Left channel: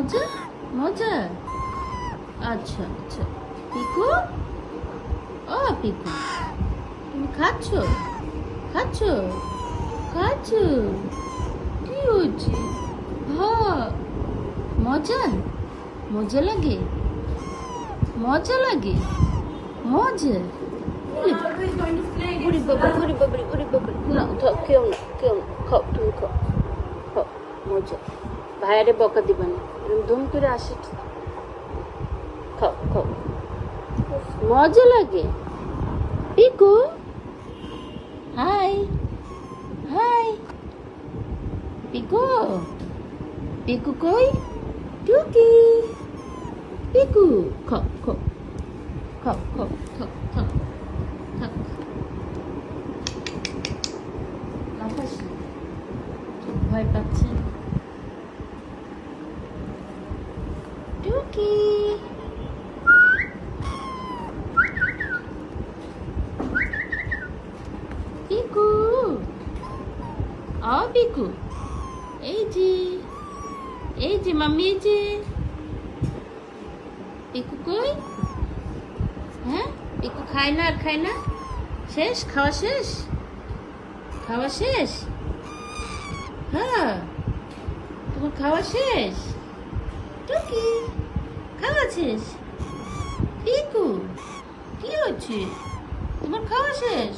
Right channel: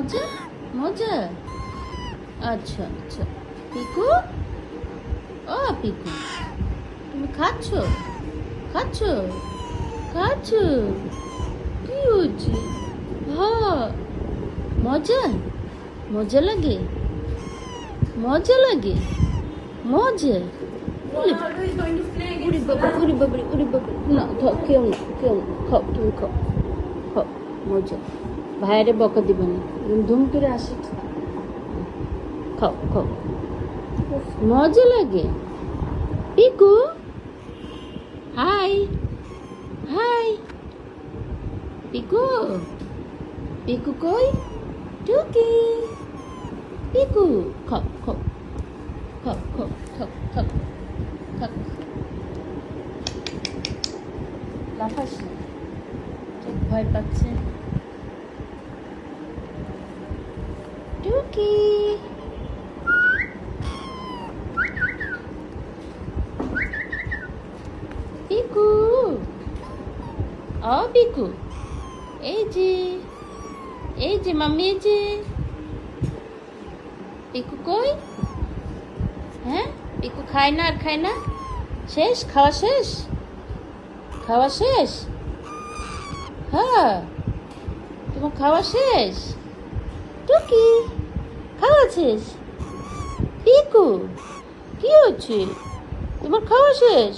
মজা মজা। আচ্ছা আচ্ছা পিকু, ও পিকু তুমি খাচ্ছ খাচ্ছ খাচ্ছ? কি হচ্ছে? হ্যাঁ মজা মজা লাগে মজা লাগে মজা। ওরে বাবা, ওরে বাবা, ওরে বাবা, ওরে বাবা। না থাক, কেউ না কেউ না, খাও তুমি খাও খাও মজা। ভাইয়ারে বকা দিবা না, ধুম করে আসি। খাও খাও, মজা লাগে। Piku hi hi. পিকু পিকু কই? টুকি পিকু খাও খাও খাও খাও খাও খাও খাও। লাফাস না, ভয় পাচ্ছে। টুকি পিকু, ও পিকু, এই যে মাম্মি, এই যে পিকু কই? হ্যাঁ পিকু খায় না আর খায় না? শেষ খাওয়া শেষ? খাওয়া শেষ? হ্যাঁ তোমার খাওয়া শেষ? টুকি খাওয়া শেষ? পিকু কি হচ্ছে? তোমার খাওয়া শেষ?